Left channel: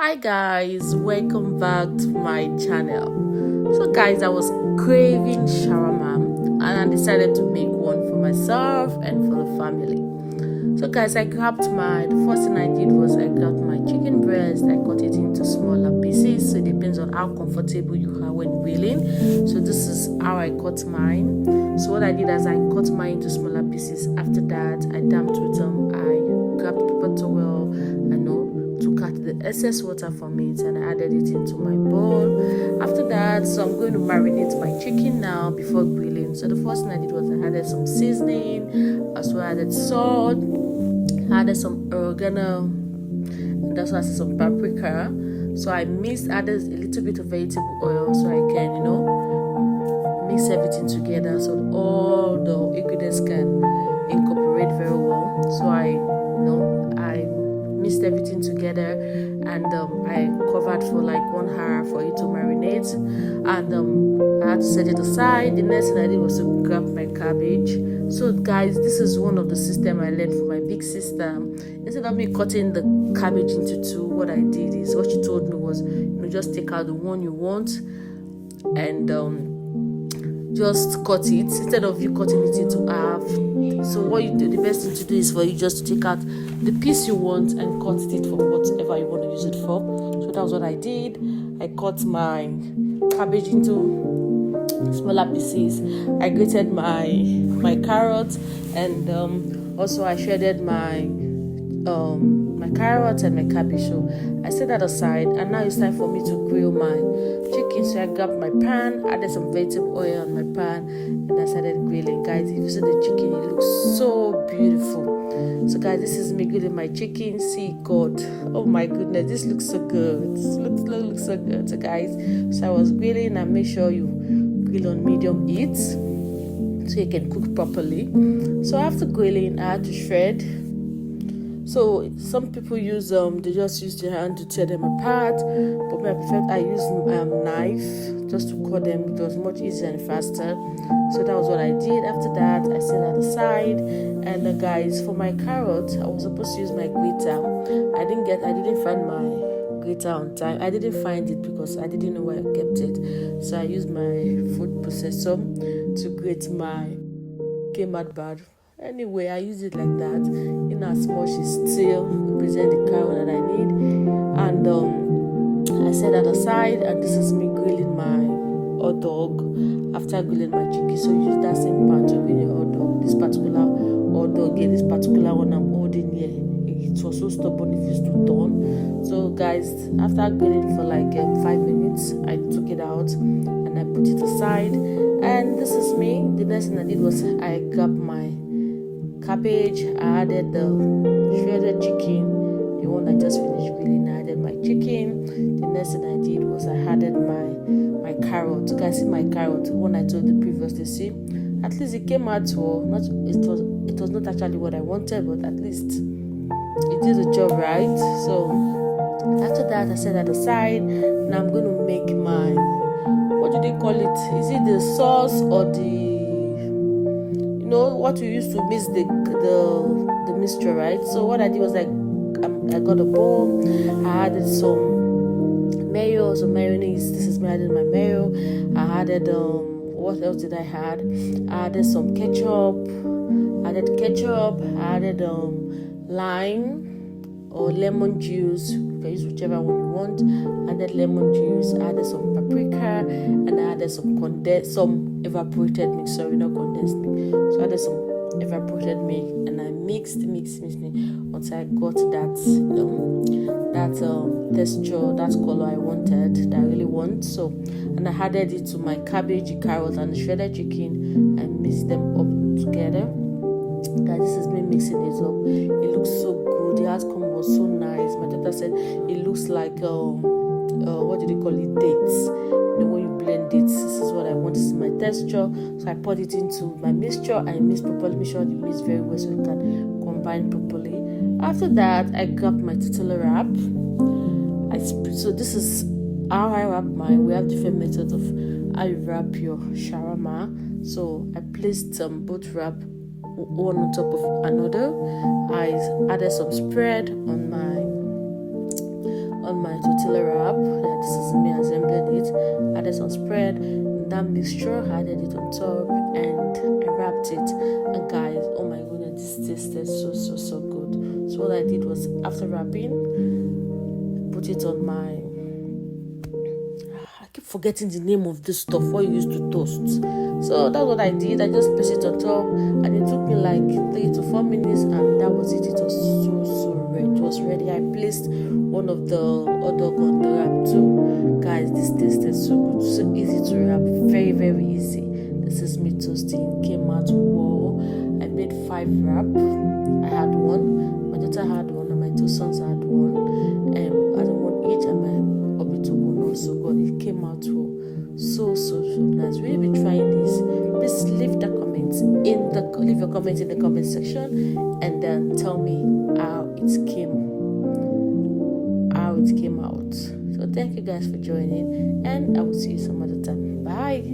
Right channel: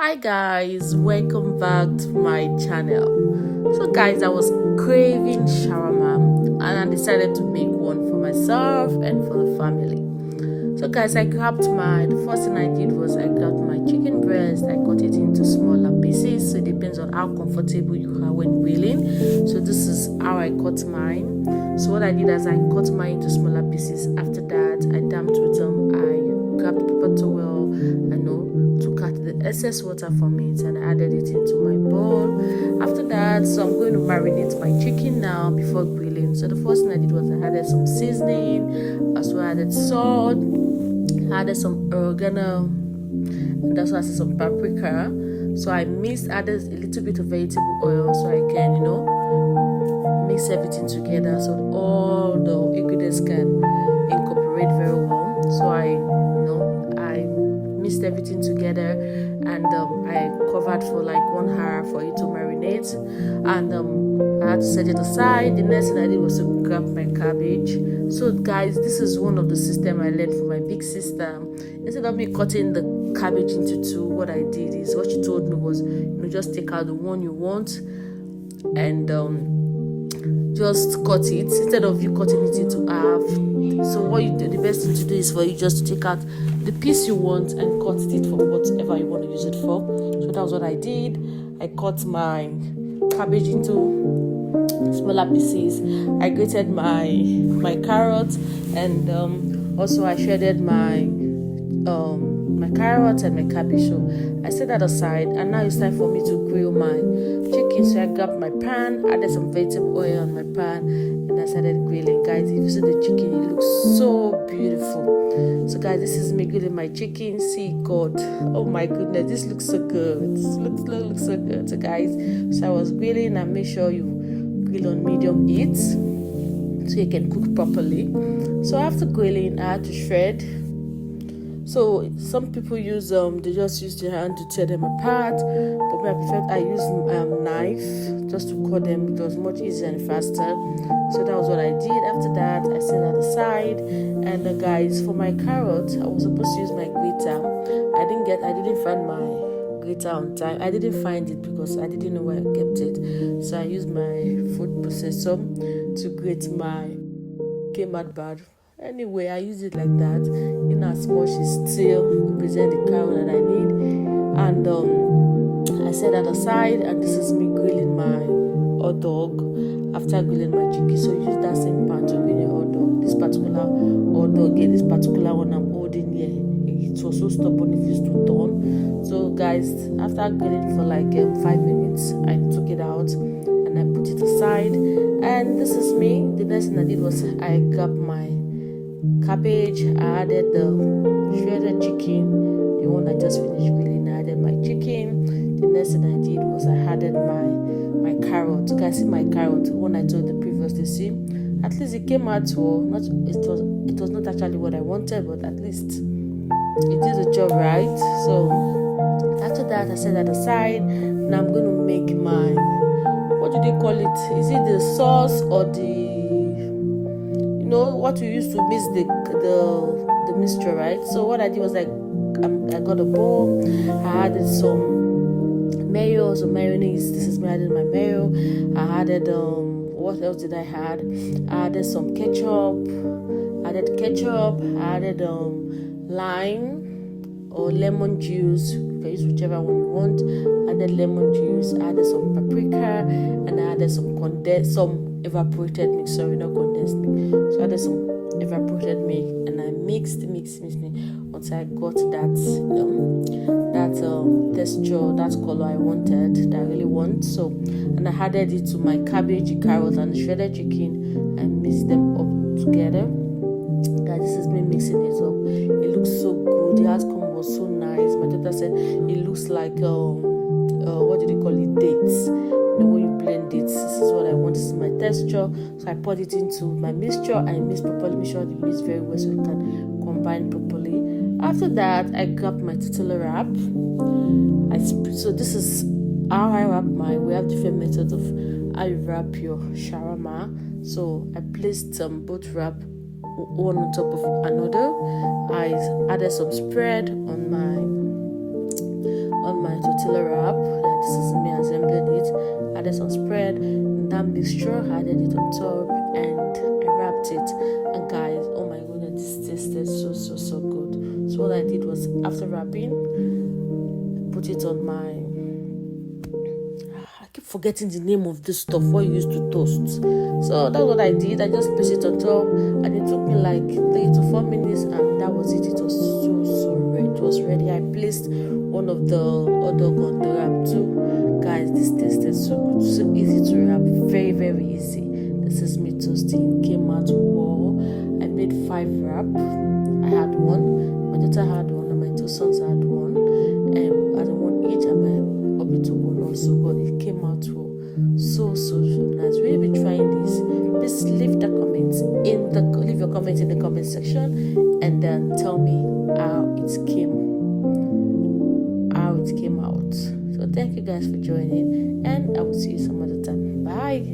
Hi guys, welcome back to my channel. So guys, I was craving shawarma and I decided to make one for myself and for the family. So guys, the first thing I did was I grabbed my chicken breast. I cut it into smaller pieces, so it depends on how comfortable you are when grilling. So this is how I cut mine. So what I did is I cut mine into smaller pieces. After that, I damped with I grabbed paper towel to cut the excess water from it, and I added it into my bowl. After that, so I'm going to marinate my chicken now before grilling. So the first thing I did was I added some seasoning, as well added salt, added some oregano, and also added some paprika. So I added a little bit of vegetable oil so I can mix everything together so all the ingredients can incorporate very well. So I mixed everything together, and I covered for like 1 hour for it to marinate, and I had to set it aside. The next thing I did was to grab my cabbage. So guys, this is one of the system I learned from my big sister. Instead of me cutting the cabbage into two, what I did is, what she told me was, just take out the one you want and just cut it instead of you cutting it into half. So what you do, the best thing to do is for you just to take out the piece you want and cut it for whatever you want to use it for. So that was what I did. I cut my cabbage into smaller pieces. I grated my carrots, and also I shredded my carrots and my cabbage. So I set that aside, and now it's time for me to grill my chicken. So I grabbed my pan, added some vegetable oil on my pan, and I started grilling. Guys, if you see the chicken, it looks so beautiful. So guys, this is me grilling my chicken. See, God, oh my goodness, this looks so good. This looks so good. So guys, so I was grilling, and make sure you grill on medium heat so you can cook properly. So after grilling, I had to shred. So some people use they just use their hand to tear them apart, but me, I use knife just to cut them. It was much easier and faster. So that was what I did. After that, I set that aside. And guys, for my carrot, I was supposed to use my grater. I didn't find my grater on time. I didn't find it because I didn't know where I kept it. So I used my food processor to grate my came out bad. Anyway, I use it like that, in as much as still represent the carrot that I need. And I set that aside, and this is me grilling my hot dog after grilling my chicken. So use that same pan to grill your hot dog. This particular hot dog, this particular one I'm holding here, it was so stubborn, it used to turn. So guys, after grilling for like 5 minutes, I took it out and I put it aside. And this is me. The next thing I did was I grabbed my cabbage, I added the shredded chicken, the one I just finished grilling. I added my chicken. The next thing I did was I added my carrot. You guys see my carrot, one I told you previously. See, at least it came out well. It was not actually what I wanted, but at least it did the job right. So after that, I set that aside. Now I'm going to make my, what do they call it? Is it the sauce or what we used to mix the mixture, right? So what I did was I got a bowl. I added some mayo, some mayonnaise. This is me adding my mayo. I added what else did I add? I added some ketchup. I added lime or lemon juice. You can use whichever one you want. I added lemon juice. I added some paprika, and I added some evaporated milk. Sorry, not condensed milk. So I added some evaporated milk, and I mixed until I got that texture, that color I wanted, that I really want. So, and I added it to my cabbage, carrot, and the shredded chicken, and mixed them up together. Guys, this is me mixing it up. It looks so good. The outcome was so nice. My daughter said it looks like what do they call it? Dates. When you blend it, this is what I want. This is my texture. So I poured it into my mixture. I mixed properly. Make sure it mixed very well so it can combine properly. After that, I grabbed my tortilla wrap. So this is how I wrap mine. We have different methods of how you wrap your shawarma. So I placed both wrap one on top of another. I added some spread on on my tortilla wrap. Yeah, this is me assembling it. Added some spread, and that mixture, added it on top, and I wrapped it. And guys, oh my goodness, this tasted so good. So what I did was, after wrapping, put it on my, I keep forgetting the name of this stuff what you used to toast. So that's what I did. I just placed it on top, and it took me like 3 to 4 minutes, and that was it. It was so ready. It was ready. I placed one of the hot dog on the wrap too. Guys, this tasted so good, so easy to wrap, very easy. This is me toasting. Came out wow. I made 5 wrap. I had one. My daughter had one, and my 2 sons had one. I had one each, and my Obi took one also. God, it came out well. So nice. Will you be trying this? Please leave your comments in the comment section, and then tell me how it came out. So thank you guys for joining, and I will see you some other time. Bye.